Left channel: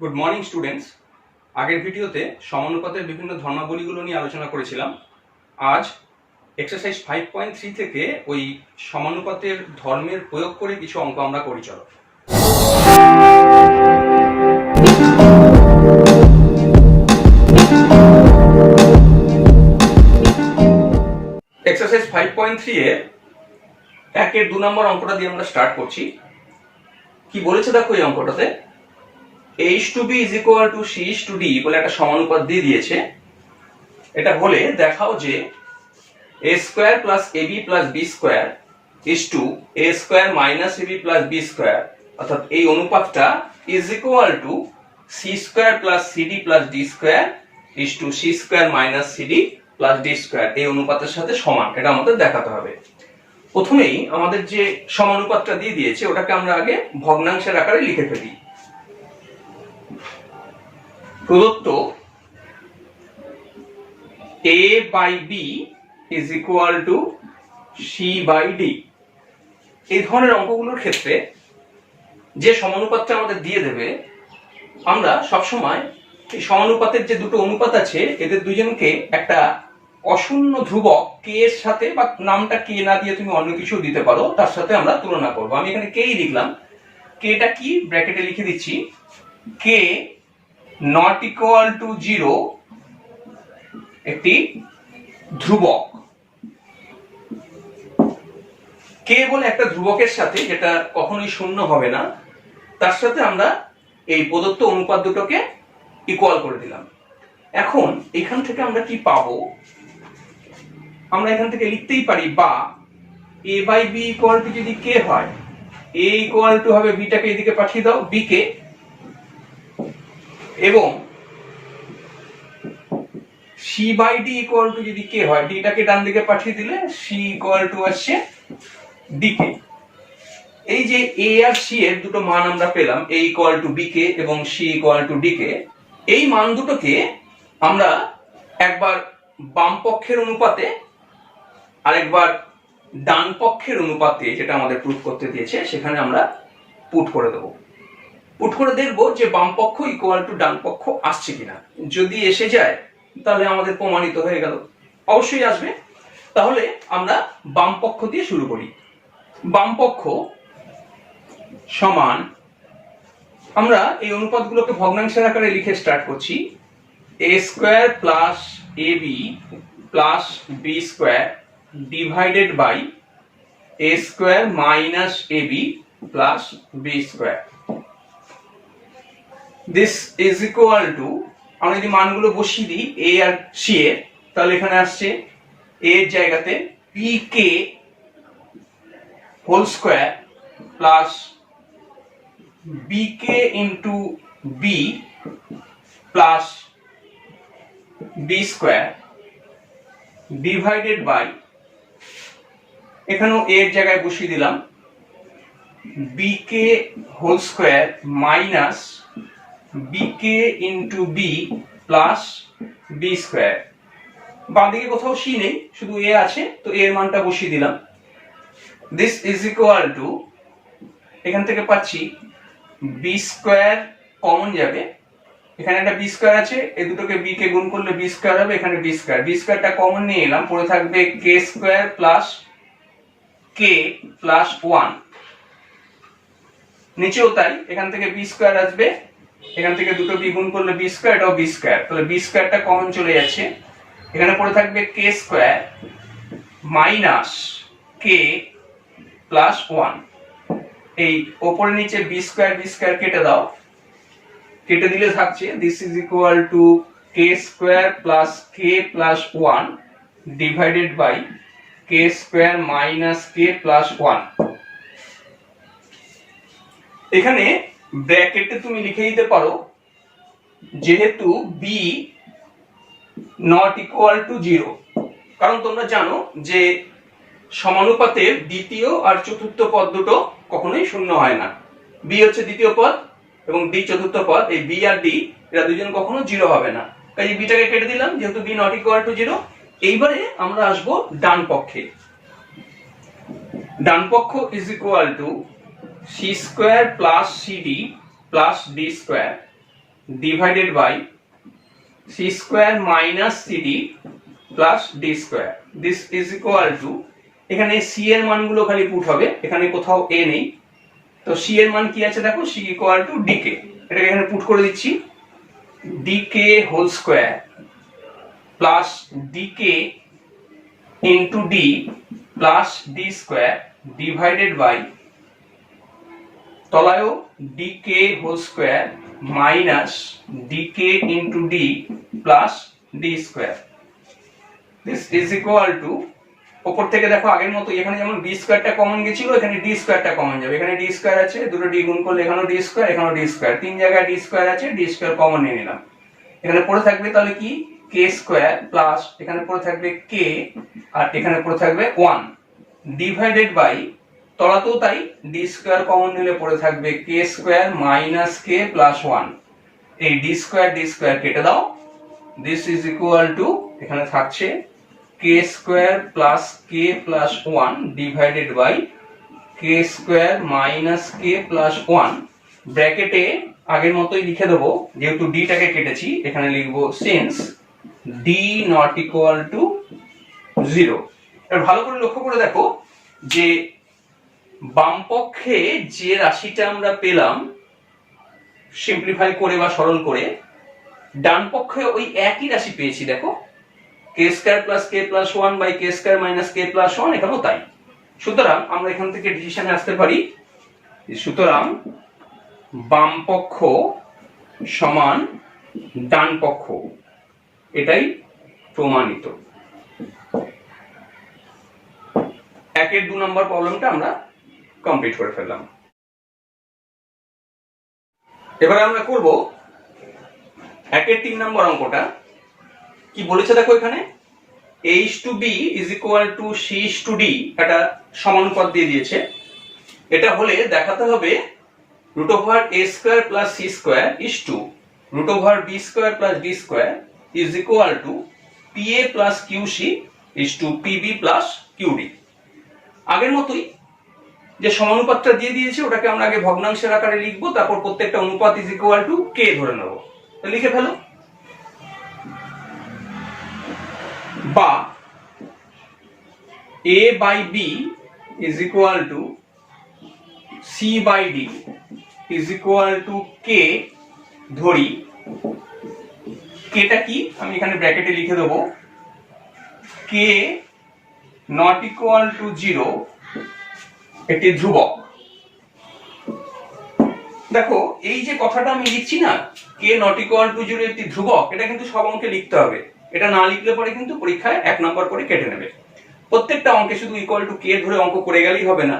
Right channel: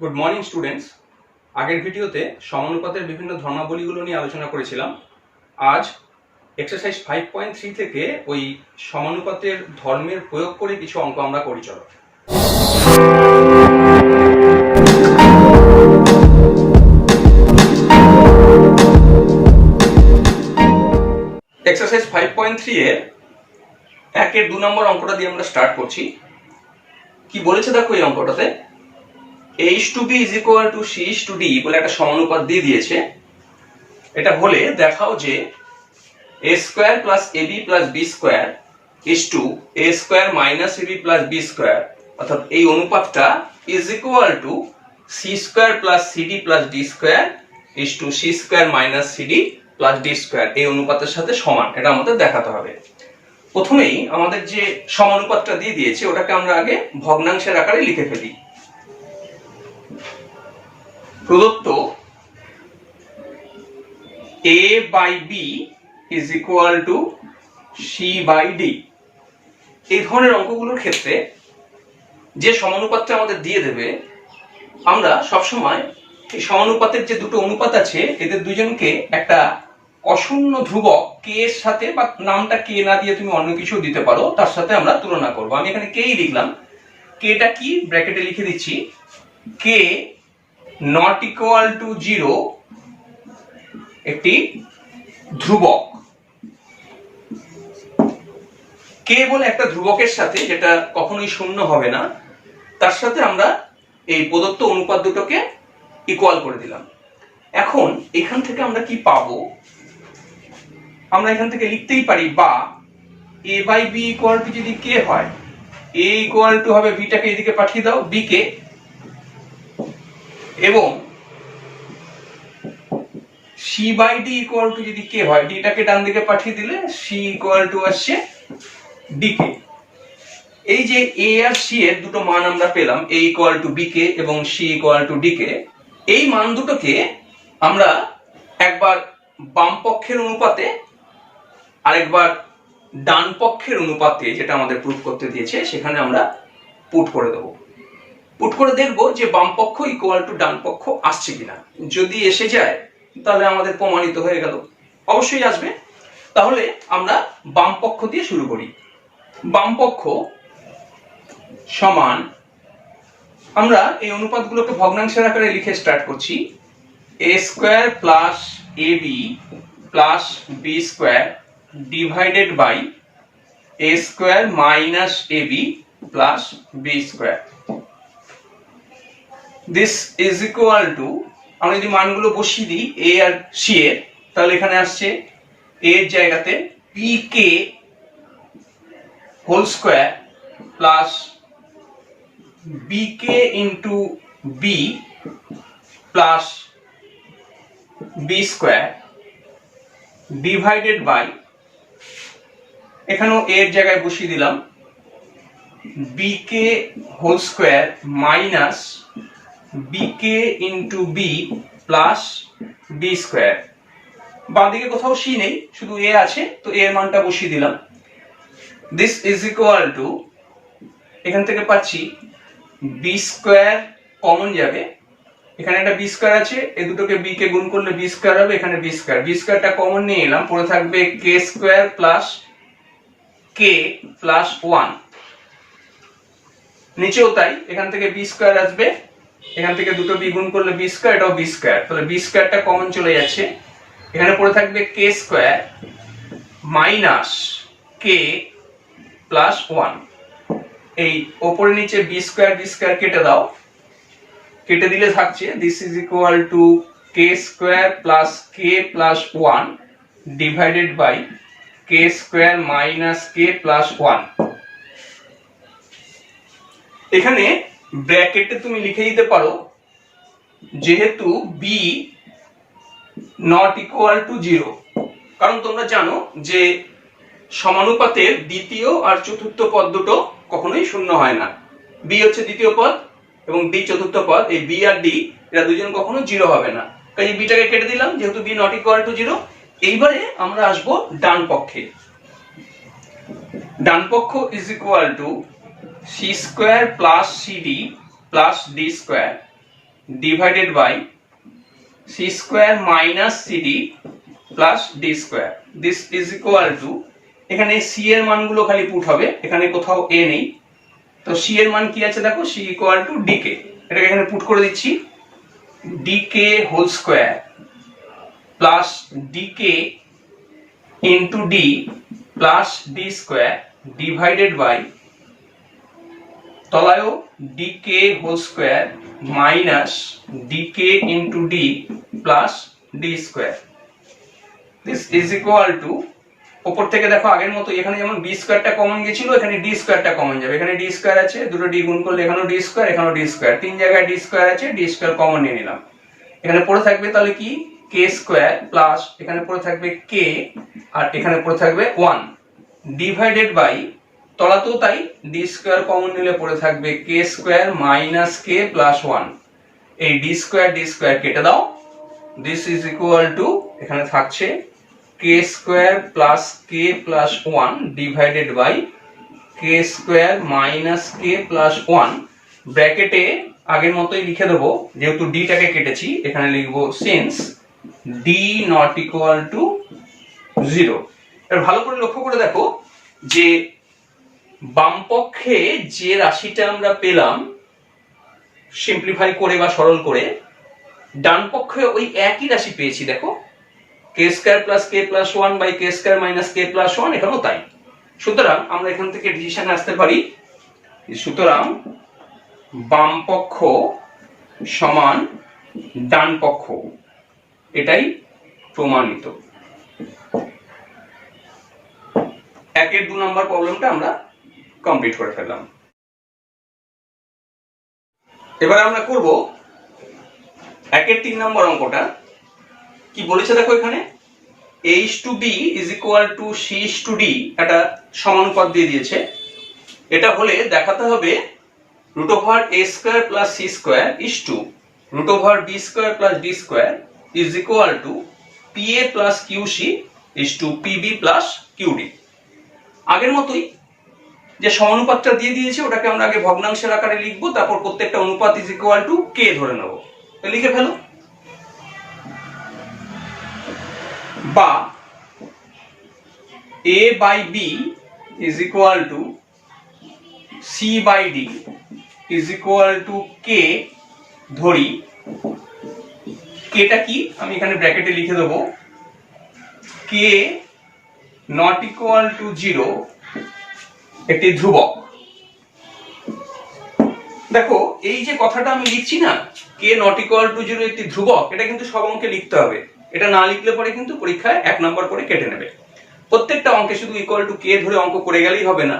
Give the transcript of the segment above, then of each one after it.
Good morning students. আগের ভিডিওতে সমানুপাতের বিভিন্ন ধর্মাবলীগুলো নিয়ে আলোচনা করেছিলাম। আজ এক্সারসাইজ 5.3 থেকে ওই সমানুপাতের ধর্মের প্রয়োগ করে কিছু অঙ্ক আমরা করি। চলো। এক্সারসাইজ 5.3 এর 1-এর 2 নম্বর অঙ্কটা দিয়ে আমরা স্টার্ট করছি। কি বলেছে দেখো এই অঙ্কটাতে, h/b is equal to c/d বলে একটা সমানুপাত দিয়ে দিয়েছে। এটা বলে দেখাও যে a square plus ab plus b square is to a square minus ab plus b square, অর্থাৎ এই অনুপাতটা is equal to c square plus cd plus d square is to c square minus cd plus d square এই অনুপাতের সাথে সমান। এটা আমাদের দেখাতে হবে। প্রথমেই আমাদের যে সমানুপাতটা দিয়ে দিয়েছে ওটাকে আমরা আগে ভগ্নাংশের আকারে লিখে ফেলি। প্রদত্ত a by b is equal to c by d। এই ধরনের অঙ্কগুলোর ক্ষেত্রে যে সমানুপাতটা আমাদের দিয়ে দেবে, আমরা সবসময় এই সমানুপাতের যে দুটো অনুপাত আছে এদের দুজনকে একটা অশূন্য ধ্রুবক কে এর সাথে, বা নামটা কে না দিয়ে তুমি অন্য কিছু দিতে পারো, তার সাথে আমরা তুলনা করব। আমি এখানে কেই লিখলাম। কেটা কি ব্র্যাকেটে লিখে দিচ্ছি, কে নট ইকুয়াল টু 0 একটি ধ্রুবক। কে বলে একটা ধ্রুবকের সাথে, যেটা কখনোই শূন্য হবে না, তার সাথে আমরা এই প্রদত্ত অনুপাত দুটোকে ইকুয়াল করে দিলাম। এখন এখান থেকে আমরা কি পাবো, আমরা এখান থেকে লিখতেই পারি বা a by b equal to যদি কে হয়, a ইকুয়াল টু হবে b টাকে এদিকে পাঠিয়ে দাও b কে, এবং c by d equal to যদি কে হয়, d টাকে ডান দিকে পাঠিয়ে দিলে c ইকুয়াল টু আসছে d কে। এই যে a আর c এর দুটো মান আমরা পেলাম, a ইকুয়াল টু b কে এবং c ইকুয়াল টু d কে। এই মান দুটোকে আমরা একবার বাম পক্ষের অনুপাতে আর একবার ডান পক্ষের অনুপাতে, যেটা আমাদের প্রুফ করতে দিয়েছে, সেখানে আমরা পুট করে দেব। পুট করে দেখবো যে বাম পক্ষ ইকুয়াল টু ডান পক্ষ আসছে কিনা। যদি এসে যায় তাহলে আমাদের প্রমাণিত হয়ে গেল। অবশ্যই আসবে। তাহলে আমরা বাম পক্ষ দিয়ে শুরু করি। বাম পক্ষ সমান, আমরা এই অনুপাতগুলোকে ভগ্নাংশের আকারে লিখে স্টার্ট করছি। a square plus ab plus b square divided by a square minus ab plus b square. This is equal to, আমরা যদি মানগুলো বসিয়ে দিই a আর c এর, তাহলে এখানে আসছে a এর জায়গাতে pk whole square plus bk into b plus b square divided by, এখানেও a এর জায়গায় বসিয়ে দিলাম bk whole square minus bk into b plus b square. বাম দিকে কোথাও c নেই, শুধু a আছে, তো a এর মানটা বসিয়ে দিলাম। দিস ইজ ইকুয়াল টু, এখান থেকে পাচ্ছি b স্কয়ার কমন যাবে, এখানে একটা b স্কয়ার আছে, এই দুটোকে b কে গুণ করলে b স্কয়ার হবে, এখানে b স্কয়ারটা কমন নিয়ে এলাম, পড়ে থাকবে k square plus k plus 1। নিচেও তাই, এখান থেকে b স্কয়ার আসবে, এখান থেকে দুটো b গুণ করলে b স্কয়ার, এটাও b স্কয়ার, তাহলে b স্কয়ারটা কমন চলে যাচ্ছে, এখানে পড়ে থাকবে k square minus k plus 1। এই উপরে নিচে b স্কয়ার কেটে দাও, কেটে দিলে থাকছে this is equal to k square plus k plus 1 divided by k square minus k plus 1। এখানে ব্র্যাকেটে তুমি লিখে দিতে পারো, যেহেতু b নট ইকুয়াল টু 0, কারণ তোমরা জানো যে সমানুপাতের দ্বিতীয় আর চতুর্থ পদ দুটো কখনোই শূন্য হয় না। b হচ্ছে দ্বিতীয় পদ এবং d চতুর্থ পদ, এই b আর d এরা দুজন কখনো 0 হবে না। কাজে b টাকে কেটে দিলাম, যেহেতু b নট ইকুয়াল টু 0। এইবারে আমরা আসব ডান পক্ষে। ডান পক্ষ is equal to c square plus cd plus d square divided by C square minus CD plus D square. This is equal to, এখানে সি এর মানগুলো খালি পুট হবে, এখানে কোথাও এ নেই, তো সি এর মান কি আছে দেখো, সি ইকুয়াল টু ডিকে, এটাকে এখানে পুট করে দিচ্ছি, d k whole square plus d k into d plus D square divided by তলায়ও d k whole square minus d k into d plus D square. This is equal to, উপর থেকে দেখো আগের মতো এখানে যেমন ডি স্কোয়ারটা কমন গেছিল, এখানে ডি স্কোয়ারটা কমন যাবে, এখানে ডি স্কোয়ার আছে, দুটো ডি গুণ করলে এখানেও ডি স্কোয়ার, এখানেও ডি স্কোয়ার, তিন জায়গায় ডি স্কোয়ার আছে, ডি স্কোয়ার কমন নিয়ে নিলাম, এখানে পড়ে থাকবে তাহলে কি কে স্কোয়ার প্লাস এখানে পড়ে থাকবে কে আর এখানে পড়ে থাকবে 1 ডিভাইডেড বাই তলাতেও তাই ডি স্কোয়ার কমন নিলে পড়ে থাকবে কে স্কোয়ার মাইনাস কে প্লাস 1, এই ডি স্কোয়ার কেটে দাও, দিস ইজ ইকুয়াল টু এখানে থাকছে k square plus k plus 1 divided by k square minus k plus 1, ব্র্যাকেটে আগের মতোই লিখে দেবো, যেহেতু ডিটাকে কেটেছি এখানে লিখবো since D not equal to 0। এবার ভালো করে লক্ষ্য করে দেখো যে বাম পক্ষে যে রাশিটা আমরা পেলাম সিম্পলিফাই করে বা সরল করে, ডান পক্ষে ওই একই রাশি পেয়েছি, দেখো k square plus k plus 1 by k square minus k plus 1, এখানেও তাই। সুতরাং আমরা এখান থেকে ডিসিশনে আসতে পারি, সুতরাং বাম পক্ষ সমান ডান পক্ষ, এটাই প্রমাণিত। একের 2 নম্বর প্রবলেমটা আমরা কমপ্লিট করে ফেললাম। এবার আমরা করব একের 3 নম্বর অঙ্কটা। কি বলেছে দেখো, এখানে h/b = c/d একটা সমানুপাত দিয়ে দিয়েছে। এটা হলে দেখাতে হবে √a² + c² = √b² + d² = pa + qc pb + qd। আগের মতোই যে সমানুপাতটা দিয়ে দিয়েছে ওটাকে আমরা আগে ভগ্নাংশের আকারে লিখবো, তারপর প্রত্যেকটা অনুপাত = k ধরে নেব। তো লিখে ফেলো, বা a/b = c/d = k ধরি। কেটা কি আমি এখানে ব্র্যাকেটে লিখে দেবো, k not equal to 0 একটি ধ্রুবক। দেখো এই যে কথাটা আমি লিখছি না, k not equal to 0 একটি ধ্রুবক, এটা কিন্তু সব অঙ্কে লিখতে হবে, এটা না লিখলে পরে কিন্তু পরীক্ষায় 1 নম্বর করে কেটে নেবে। প্রত্যেকটা অঙ্কে শুধু ইকুয়াল টু k ধরে অঙ্ক করে গেলেই হবে না,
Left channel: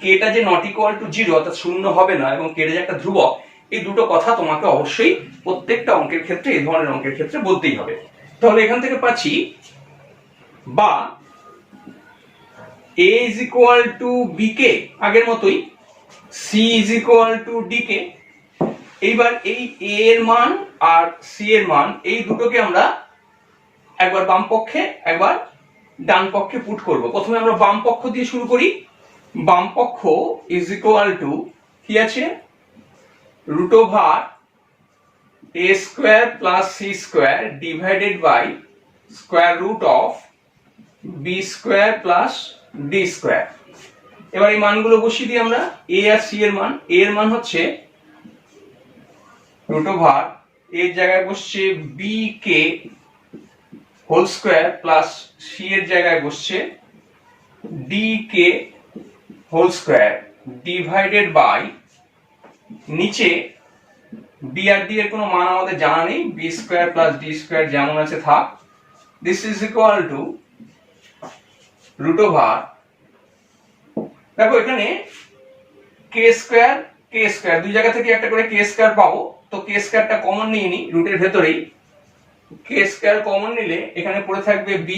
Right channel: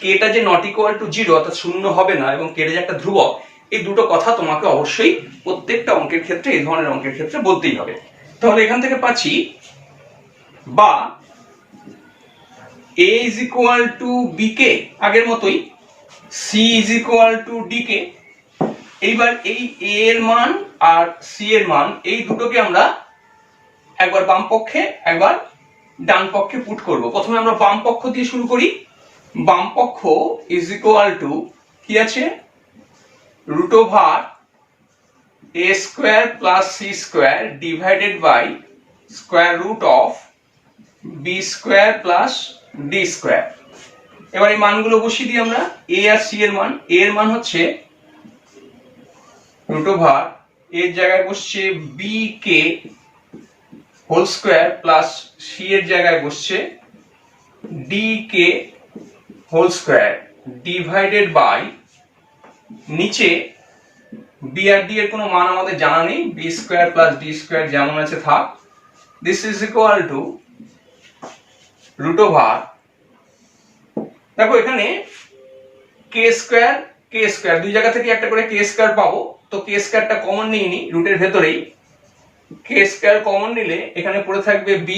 kটা যে not equal to 0 অর্থাৎ শূন্য হবে না এবং kটা যে একটা ধ্রুবক, এই দুটো কথা তোমাকে অবশ্যই প্রত্যেকটা অঙ্কের ক্ষেত্রে, এই ধরনের অঙ্কের ক্ষেত্রে বলতেই হবে। তাহলে এখান থেকে পাচ্ছি বা a = bk, আগের মতোই c = dk। এইবার এই a এর মান আর c এর মান এই দুটোকে আমরা একবার বাম পক্ষে একবার ডান পক্ষে পুট করব। প্রথমে আমরা বাম পক্ষ দিয়ে শুরু করি। বাম পক্ষ = কি আছে, √a² + c² divided by √b² + d²। এবার এই মানগুলো বসিয়ে দিই আমরা। a আর c এর মান, a এর মান হচ্ছে √, এর জায়গায় বসছে bk whole square plus c এর জায়গায় বসছে dk whole square divided by, নিচে b আর d এর কোনো মান আমাদের জানা নেই, b² + d² যেমন আছে থাক। দিস ইজ ইকুয়াল টু √, দেখো এখানে k² দুই জায়গা থেকে একটা করে k² পাবো, তো k²টা কমন নিয়ে নি রুটের ভেতরেই, k² কমন নিলে এখানে পড়ে থাকবে b²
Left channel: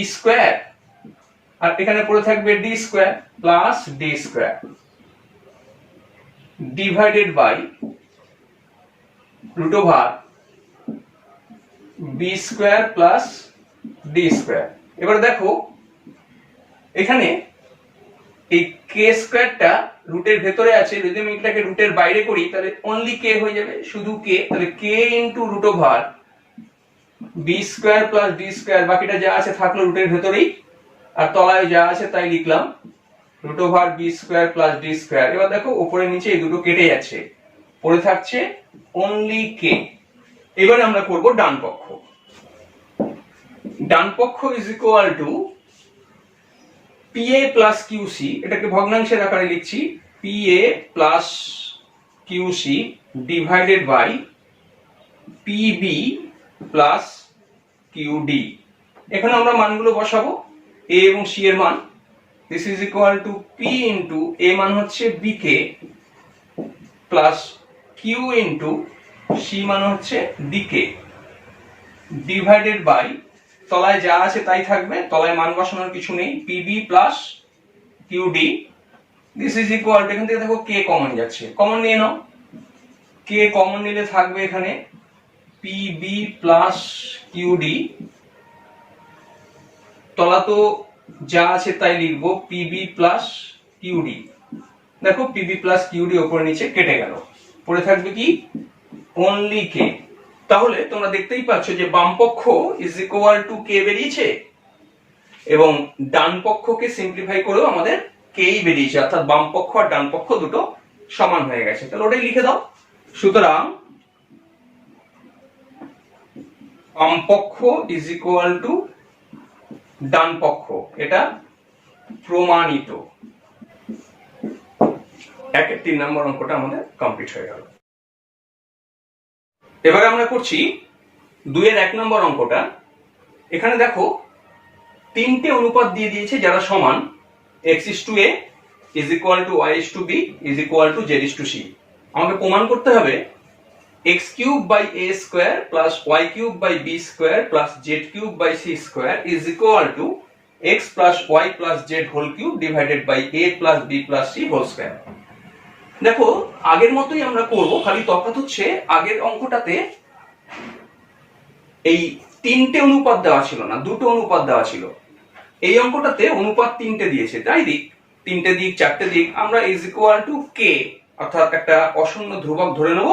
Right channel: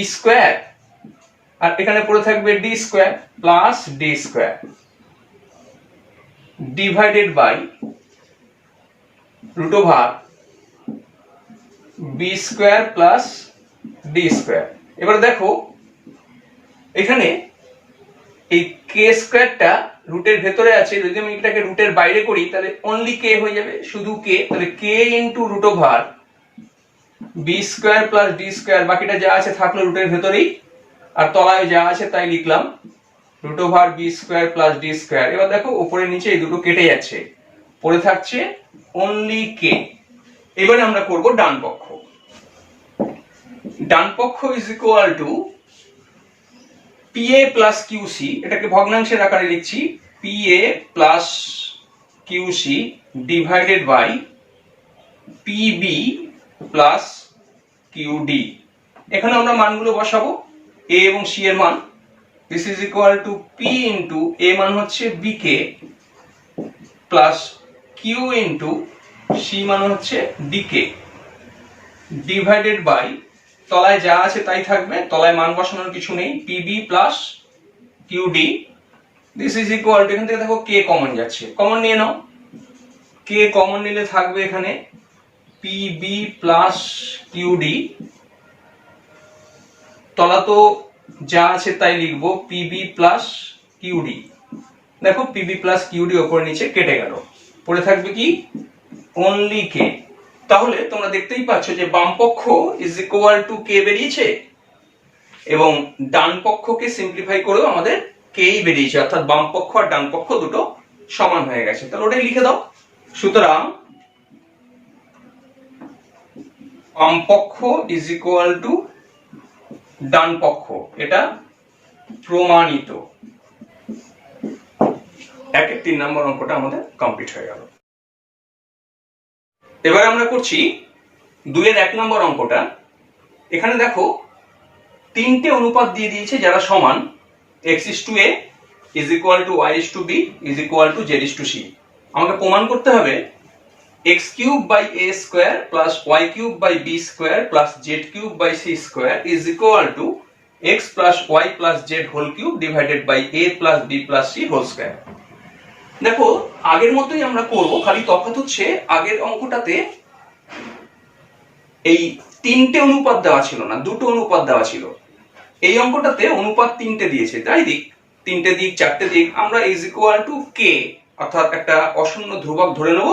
আর এখানে পড়ে থাকবে d² plus d² divided by √b² plus d²। এবার দেখো এখানে এই k² রুটের ভেতরে আছে, যদি আমি এটাকে রুটের বাইরে করি তাহলে অনলি কে হয়ে যাবে, শুধু কে। তাহলে k into root over B square plus D square, বাকিটা যা আছে থাকলো রুটের ভেতরেই, আর তলায় যা আছে তাই লিখলাম, root over B square plus D square. এবার দেখো উপরে নিচে এই দুটো কেটে যাচ্ছে, পড়ে থাকছে অনলি কে। এবারে আমরা করব ডান পক্ষ। ডান পক্ষ is equal to PA plus QC, এটাকে ভগ্নাংশের আকারে লিখছি, PA plus QC divided by PB plus QD। এখানে আমরা মানগুলো বসাবো, A এবং C এর মান। This is equal two P into A মান হচ্ছে BK plus Q into C মান হচ্ছে DK ডিভাইডেড বাই, তলায় যা আছে তাই থাকবে, তলায় মান বসানোর কিছু নেই, PB plus QD। This is equal to, এখান থেকে দেখো কে কমন যাচ্ছে, কমন নিয়ে নাও, কে কমন নিলে থাকবে এখানে PB প্লাস QD, তলা তো যা আছে তাই লিখবো PB প্লাস QD। দেখো PB প্লাস QD উপর নিচে কেটে গেল, পড়ে থাকবে কি অনলি কে। তাহলে তোমরা দেখতেই পাচ্ছ যে বাম পক্ষ ইজ ইকুয়াল টু কে বেরিয়েছে, এবং ডান পক্ষকে সিম্পলিফাই করেও আমাদের কেই বেরিয়েছে, অর্থাৎ বাম পক্ষ আর ডান পক্ষ দুটো সমান হয়ে গেছে। তাহলে ওটাই লিখে দাও। সুতরাং বাম পক্ষ ইজ ইকুয়াল টু ডান পক্ষ, এটা প্রমাণিত। 1-3 নম্বর অঙ্কটা আমাদের কমপ্লিট হয়ে গেল। এবার আমরা করছি 2-1 নম্বর অঙ্কটা। এখানে দেখো তিনটে অনুপাত দিয়ে দিয়েছে যারা সমান, x:a is equal to y:b is equal to z:c। আমাকে প্রমাণ করতে হবে x³ by a square plus y³ by b square plus z³ by c square is equal to x plus y plus z whole cube divided by a plus b plus c whole square। দেখো আগের মতোই আমরা করব, খালি তফাৎ হচ্ছে আগের অঙ্কটাতে এই তিনটে অনুপাত দেওয়া ছিল না, দুটো অনুপাত দেওয়া ছিল। এই অঙ্কটাতে অনুপাত তিনটে দিয়েছে, তাই দিক তিনটে দিক, চারটে দিক। আমরা ইজ ইকুয়াল টু কে অর্থাৎ একটা অশূন্য ধ্রুবক ধরে নেব,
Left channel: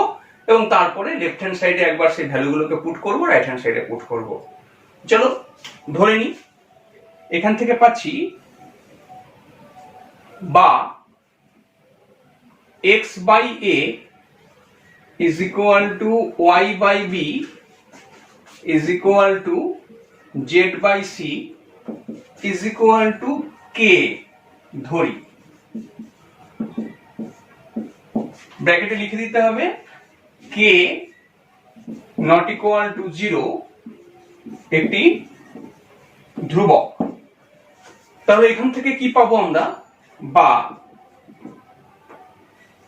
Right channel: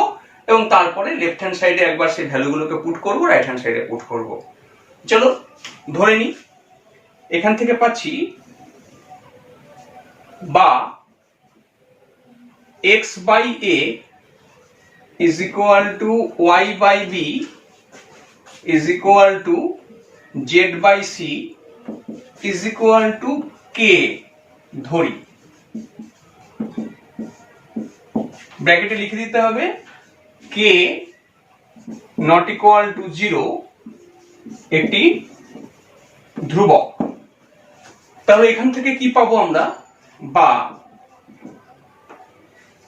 এবং তারপরে লেফট হ্যান্ড সাইডে একবার সেই ভ্যালুগুলোকে পুট করব, রাইট হ্যান্ড সাইডে পুট করব। চলো ধরে নি। এখান থেকে পাচ্ছি বা x by a is equal to y by b is equal to z by c is equal to k ধরি। ব্র্যাকেটে লিখে দিতে হবে k not equal to 0 একটি ধ্রুবক। তাহলে এখান থেকে কি পাবো আমরা, বা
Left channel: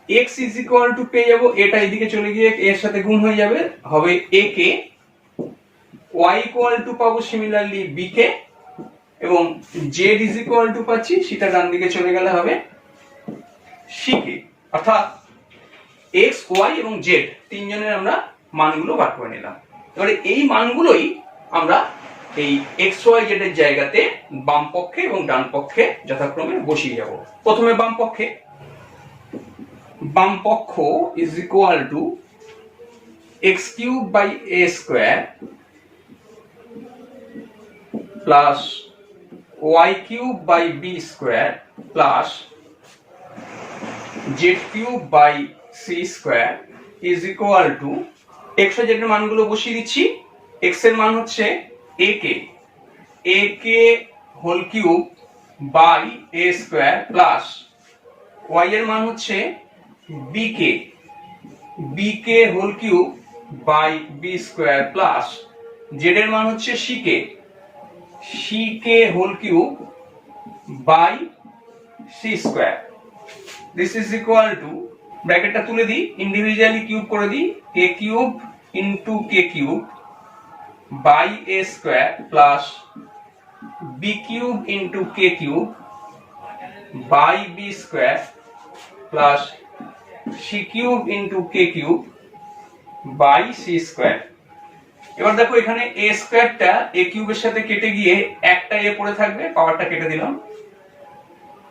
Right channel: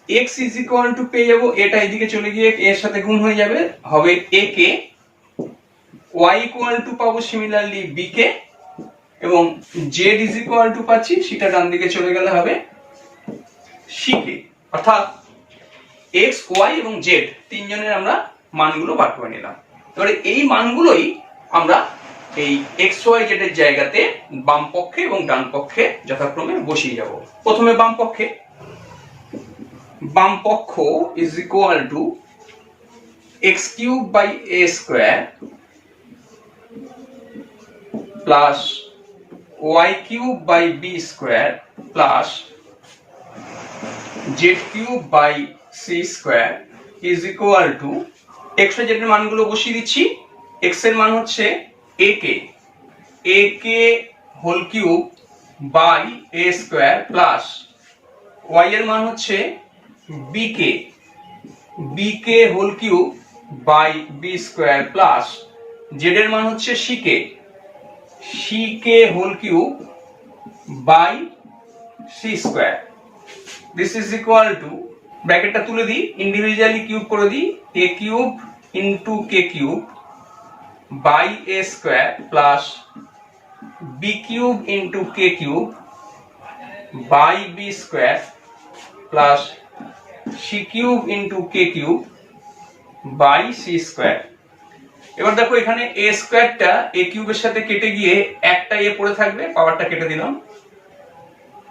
x is equal to পেয়ে যাবো, এটা এদিকে চলে গিয়ে এর সাথে গুণ হয়ে যাবে, হবে a K, y equal to পাবো সিমিলারলি b কে, এবং z is equal to পাচ্ছি, সেটা ডান দিকে চলে গেলে হবে c কে। অর্থাৎ x, y এবং z তিনজনের আমরা মানগুলো বার করে নিলাম। এবারে এই মানগুলোই আমরা এই x, y, z এর জায়গাতে বাম পক্ষে এবং ডান পক্ষে যথাক্রমে বসিয়ে যাব। প্রথমে বাম পক্ষে, বাম পক্ষ is equal to x³ by a square plus y³ by b square plus z³ by c square is equal to x y z এর মানগুলো বসিয়ে দিচ্ছি। x এর মান হচ্ছে a k whole cube by a square plus y এর মান হচ্ছে b k whole cube by b square plus z এর মান হচ্ছে c k whole cube by c square। this is equal to, ব্র্যাকেটটা তুলে দিই, ইন্ডিভিজুয়ালি কিউব করে দিই, a cube into k cube by a square plus b cube into k cube by b square plus c cube into k cube by c square। এবার দেখো এখানে a স্কয়ারটা a কিউবের সাথে কেটে গিয়ে একটা a পড়ে থাকবে, পাওয়ারটা কেটে দিলাম,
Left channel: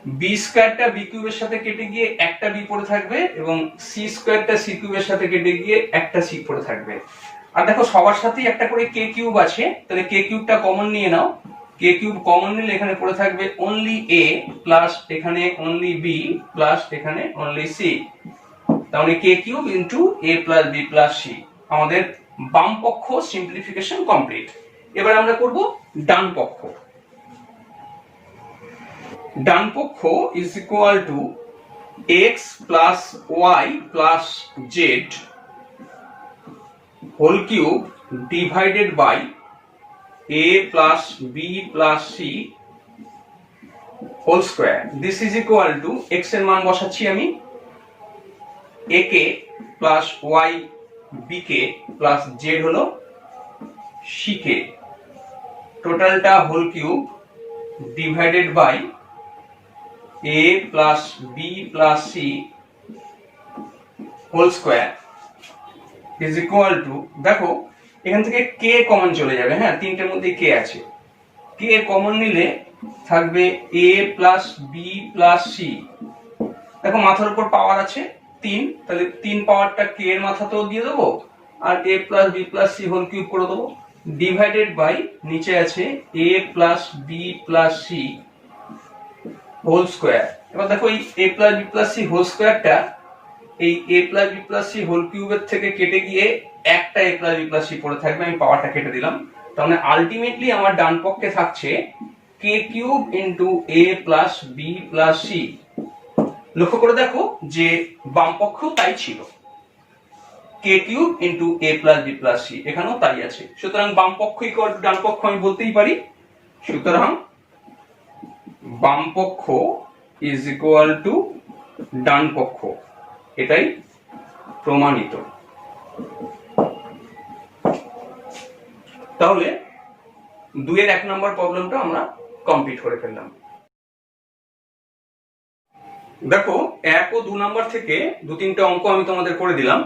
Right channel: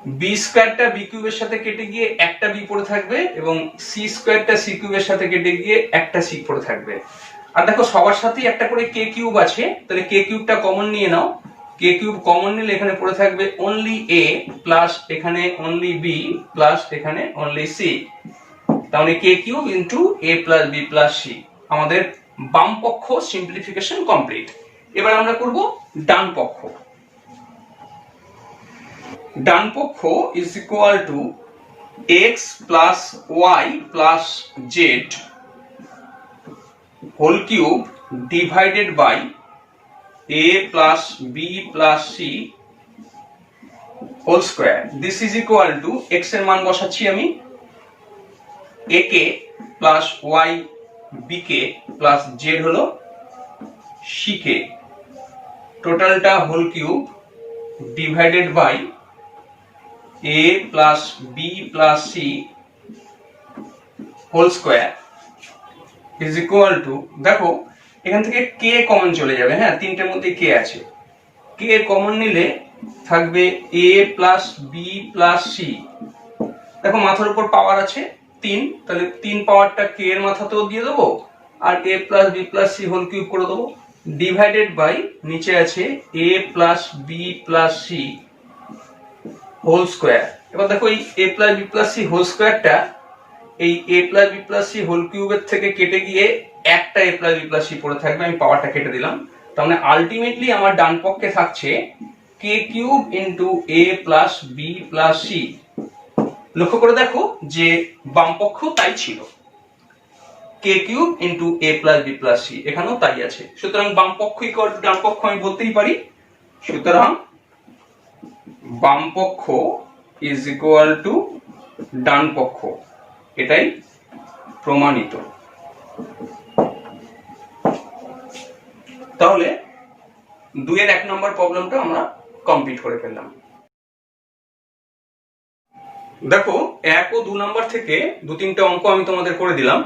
বি স্কোয়ারটা বি কিউবের সাথে কেটে গিয়ে একটা বি পড়ে থাকবে এবং সি স্কোয়ারটা সি কিউবের সাথে কেটে গিয়ে একটা সি পড়ে থাকবে। আর দেখো সবার সাথেই একটা করে কে কিউব আছে, তাহলে কে কিউবটা কমন নিয়ে নাও। কে কিউব কমন নিলে এখানে পড়ে থাকবে অনলি এ প্লাস এখানে অনলি বি প্লাস এখানে অনলি সি, তাহলে কে কিউব ইন্টু এ প্লাস বি প্লাস সি। আমাদের বাম পক্ষ সিম্পলিফিকেশন কমপ্লিট। এবার আমরা করব ডান পক্ষ। ডান পক্ষ is equal to x plus y plus z whole cube divided by a plus b plus c whole square. This is equal to x এর মান বসাচ্ছি আমি a কে প্লাস y b কে প্লাস z হলো c কে, টোটালটা whole cube divided by a plus b plus c whole square is equal to, দেখো এখান থেকে কে কমন চলে যাবে, হ্যাঁ তিনটের মধ্যে কে আছে, কে কমন নিলে থাকবে a plus b plus c. দেখো মাথার উপর পাওয়ার আছে 3, তাহলে 3 পাওয়ারটা কে এর মাথাতেও দিয়ে দেবো আর a plus b plus c whole cube করে দেবো, ডিভাইডেড বাই নিচে আছে a plus b plus c whole square. এবার দেখো এই a plus b plus c whole স্কয়ারটা এই a plus b plus c whole কিউবের থেকে কেটে গিয়ে একটা a plus b plus c পড়ে থাকবে, আমি পাওয়ারটা কেটে দিলাম। তার মানে আলটিমেটলি আমার ডান পক্ষে থাকছে k cube into a plus b plus c. লক্ষ্য করে দেখো যে বাম পক্ষ তাই ছিল, k cube into a plus b plus c, এখানেও তাই আছে। সুতরাং বাম পক্ষ ইকুয়াল টু ডান পক্ষ আমি বলতেই পারি। সুতরাং বাম পক্ষ ইজ ইকুয়াল টু ডান পক্ষ, এটাই প্রমাণিত। তাহলে 2 এর 1 নম্বর প্রবলেমটা আমরা কমপ্লিট করে ফেললাম। দেখো 1 ও 2 নম্বর থেকে 2-3টা অঙ্ক আমি তোমাদের করে দিলাম।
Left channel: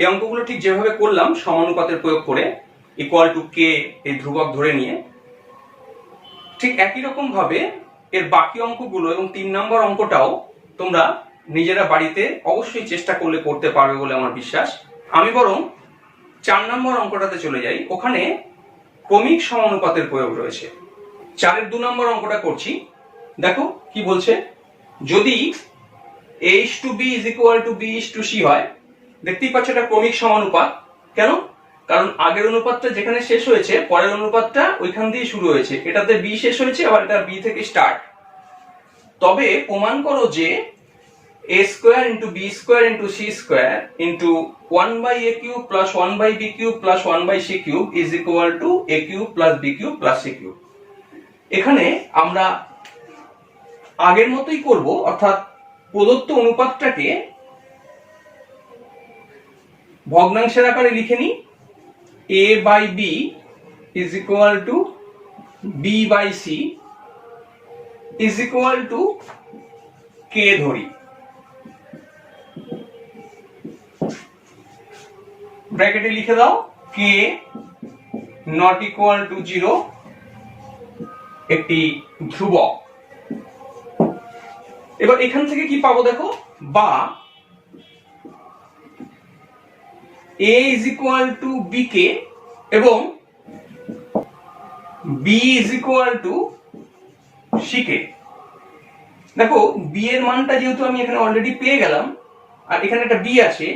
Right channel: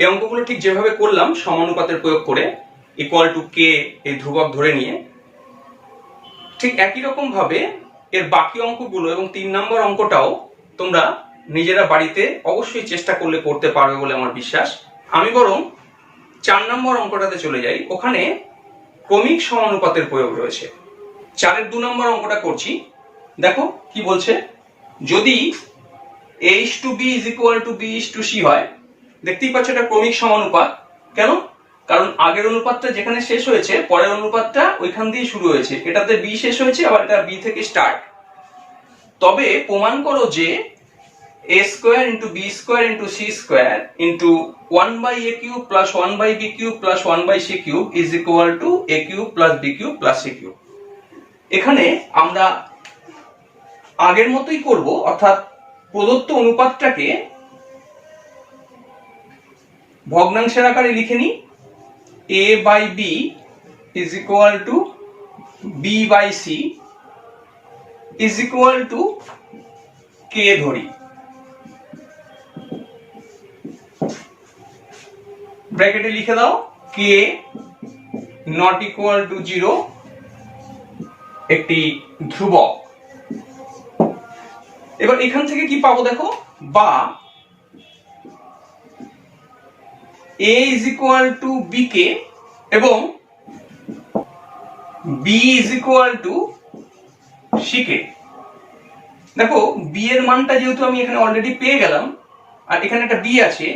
এই অঙ্কগুলো ঠিক যেভাবে করলাম সমানুপাতের প্রয়োগ করে ইকুয়াল টু কে এই ধ্রুবক ধরে নিয়ে, ঠিক একই রকম ভাবে এর বাকি অঙ্কগুলো এবং 3 নম্বর অঙ্কটাও তোমরা নিজেরা বাড়িতে অবশ্যই চেষ্টা করলে করতে পারবে বলে আমার বিশ্বাস। আমি বরং 4 নম্বর অঙ্কটাতে চলে যাই, ওখানে ক্রমিক সমানুপাতের প্রয়োগ রয়েছে। 4-এর 2 নম্বর অঙ্কটা করছি। দেখো কি বলছে, যদি a/b is equal to b/c হয়, দেখতেই পাচ্ছ এটা ক্রমিক সমানুপাত। কেন? কারণ আগের অনুপাতটা যেখানে শেষ হয়েছে পরের অনুপাতটা ওইখান দিয়ে শুরু হয়েছে, এটাতে b শেষ হয়েছে আবার এটা b থেকে স্টার্ট। তবে প্রমাণ করো যে a square into b square into c square into 1/a cube plus 1/b cube plus 1/c cube is equal two a cube plus b cube plus c cube. এখানে আমরা আগের মতোই করব, অর্থাৎ প্রদত্ত অনুপাতটাকে ভগ্নাংশের আকারে লিখে নিই। a by b is equal to b by c is equal to k ধরি। ব্র্যাকেটে লিখে দাও k নট ইকুয়াল টু 0, একটি ধ্রুবক। এবার এখান থেকে কি পাবো দেখো, বা a is equal to bk এবং b is equal to ck। দেখো b এর মানটা যেহেতু আমি এখানে অলরেডি পেয়ে গেলাম আর এখানে একটা b আছে,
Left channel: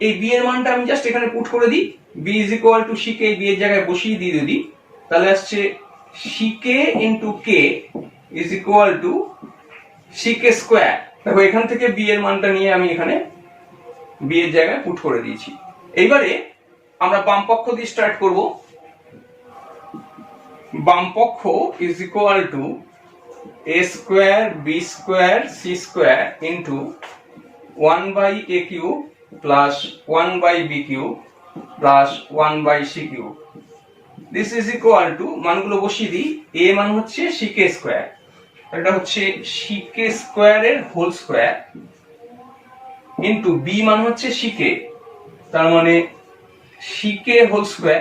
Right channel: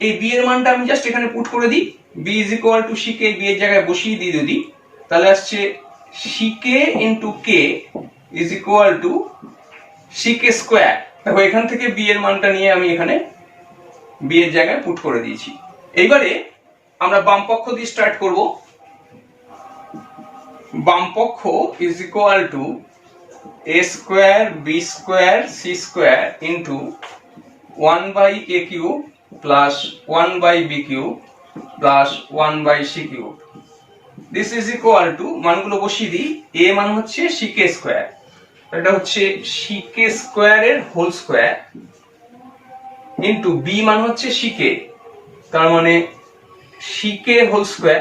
এই b এর মানটা আমি জাস্ট এখানে পুট করে দিই, b is equal to ck, b এর জায়গায় বসিয়ে দিয়ে যদি, তাহলে আসছে ck into k is equal to ck square. দেখো এখান থেকে b এর মানটা নিয়ে আমি এখানে b এর জায়গায় পুট করে দিয়েছি। এইবারে আমরা বাম পক্ষ দিয়ে স্টার্ট করব। বাম পক্ষ is equal two a square b square c square into 1/a cube plus 1/b cube plus 1/c cube. This is equal two, মানগুলো বসিয়ে দিই, a মান হচ্ছে ck স্কয়ার, এটা হচ্ছে ck স্কয়ারের হোল স্কয়ার ইনটু b মান হচ্ছে ck, তার মানে ck whole square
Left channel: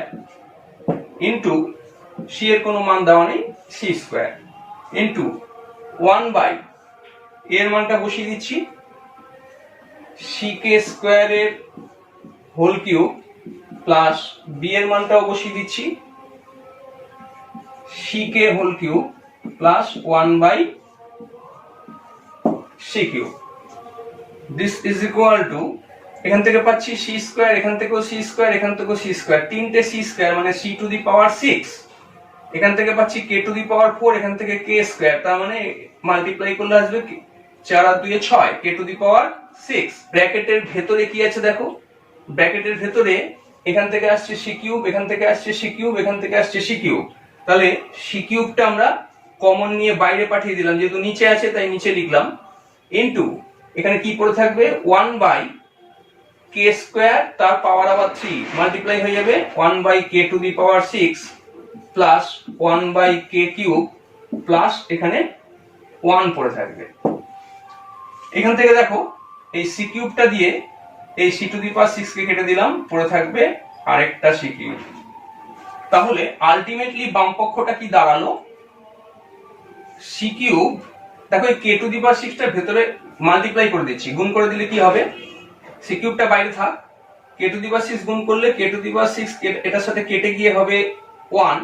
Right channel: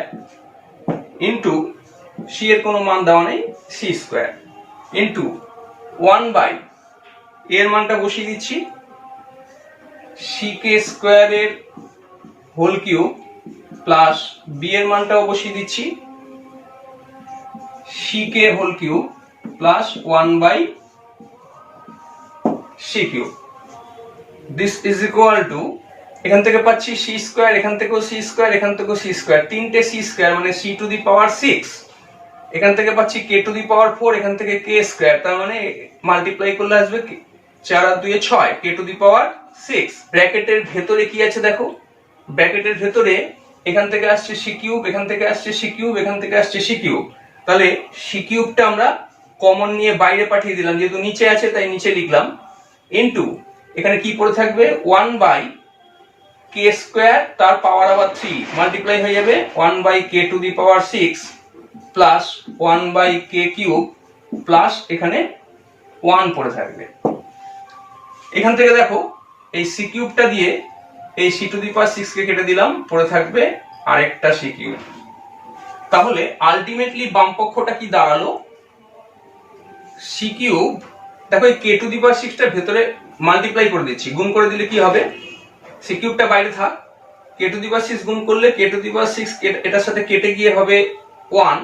into c এর কোনো মান দেওয়া নেই c স্কয়ার ইনটু 1/, এর মানটা বসিয়ে দিচ্ছি, ck স্কোয়ারের হোল কিউব প্লাস বি এর মানটাও বসিয়ে দিচ্ছি, ck whole cube plus 1/c cube. This is equal to, এখান থেকে পাচ্ছি c স্কোয়ার, এখান থেকেও c স্কোয়ার, এখান থেকেও c স্কোয়ার, তিনটে c স্কোয়ার মানে c টু দি পাওয়ার 6, এখান থেকে পাচ্ছি k টু দি পাওয়ার 4, এখান থেকে k স্কোয়ার, তার মানে মাল্টিপ্লাই করলে আসবে 4 আর 2 6, k টু দি পাওয়ার 6। ব্র্যাকেটের ভেতরে কি আছে দেখো, ব্র্যাকেটের ভেতরে এখান থেকে আসছে c কিউব, এখান থেকে আসছে c কিউব, এখান থেকে আসছে c কিউব, তাহলে c কিউবটা আমরা কমন নিয়ে বাইরে পাঠিয়ে দিলাম, যেহেতু নিচে আছে তাই নিচে লিখলাম, ইনটু এখানে কি পড়ে থাকবে 1/k স্কোয়ার তার পাওয়ার আবার 3 মাল্টিপ্লাই হয়ে যাবে 1/k two the power 6 plus 1/k cube plus এখানে 1 পড়ে থাকবে। এখান থেকে দেখো এই c কিউবটা দিয়ে এই c টু দি পাওয়ার 6 কে কেটে দিলাম, পড়ে থাকবে আরেকটা c কিউব। তাহলে আলটিমেটলি বাম পক্ষটা কি দাঁড়ালো, c কিউব, দেখো এই k টু দি পাওয়ার 6 টা ভেতরে মাল্টিপ্লাই করে দিচ্ছি, গুণ করে দিলে কি হবে, c কিউবটা বাইরে থাক, k টু দি পাওয়ার 6 গুণ করলে k টু দি পাওয়ার 6 এটার সাথে কেটে গিয়ে হবে 1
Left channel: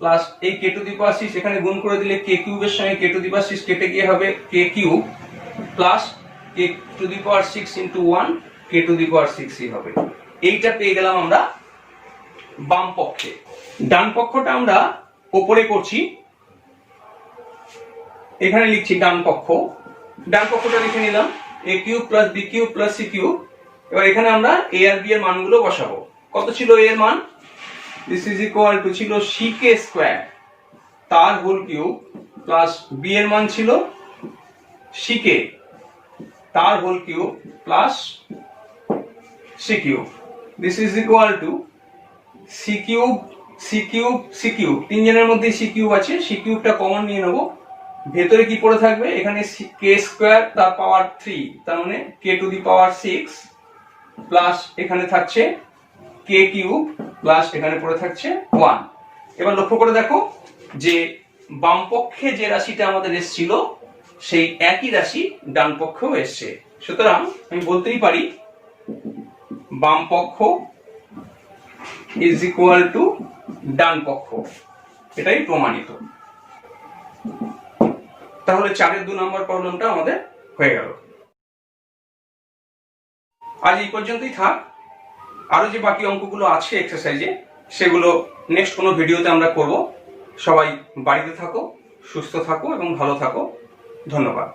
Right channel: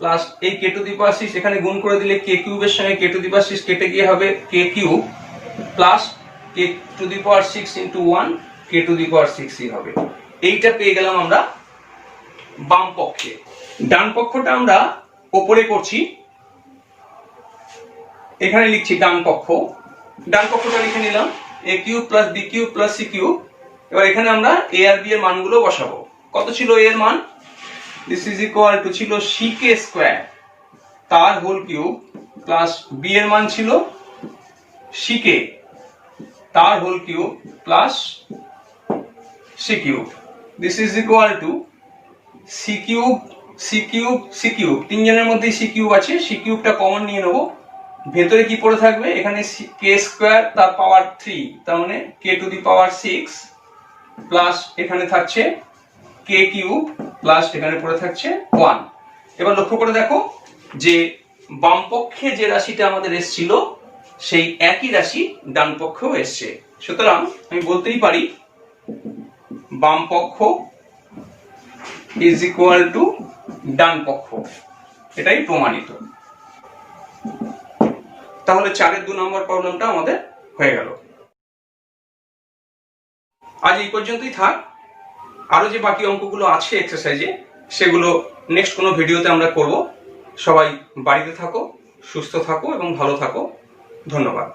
প্লাস এই k টু দি পাওয়ার 6 এখানে গুণ করে দিলে k কিউবের সঙ্গে k টু দি পাওয়ার 6 কেটে গিয়ে হবে k cube plus k to the power 6 into 1 k to the power 6 ই হবে। এইটা পেয়ে গেলাম আমরা বাম পক্ষে। ডান পক্ষটা আমরা উপরে করছি, এখানে লিখছি ডান পক্ষ, ডান পক্ষটা লিখে নিলাম a cube plus b cube plus c cube. এবার এখানে আমরা a আর b এর মানগুলো বসাবো। কত ছিল a এর মান, দিস ইজ ইকুয়াল টু ছিল ck স্কয়ার তার হোল কিউব প্লাস b এর মান ছিল ck তার whole cube plus c cube. This is equal to c cube c cube c cube, তিনজনের মধ্যে c কিউব আছে, c কিউবটা কমন নিয়ে নেব, ভেতরে কি পড়ে থাকবে, এখানে k স্কয়ার তার পাওয়ার 3, তার মানে k to the power 6 plus এখানে থাকছে k কিউব প্লাস এখানে পড়ে থাকছে 1। এবার লক্ষ্য করে দেখো যে বাম পক্ষে যে রাশিটা আমাদের এসেছিল সেই একই রাশি ডান পক্ষেও এসেছে, সুতরাং আমি বলতেই পারি বাম পক্ষ ইজ ইকুয়াল টু ডান পক্ষ, এটাই প্রমাণিত। তাহলে 4-এর 2 নম্বর প্রবলেমটা আমাদের হয়ে গেল। আজ এই পর্যন্তই থাক, আরো যে বাকি অঙ্কগুলো আছে এক্সারসাইজে সেগুলো নেক্সট কোনো ভিডিওতে আমরা করব। সবাই বাড়িতে থাকো, সুস্থ থাকো এবং ভালো থাকো। ধন্যবাদ।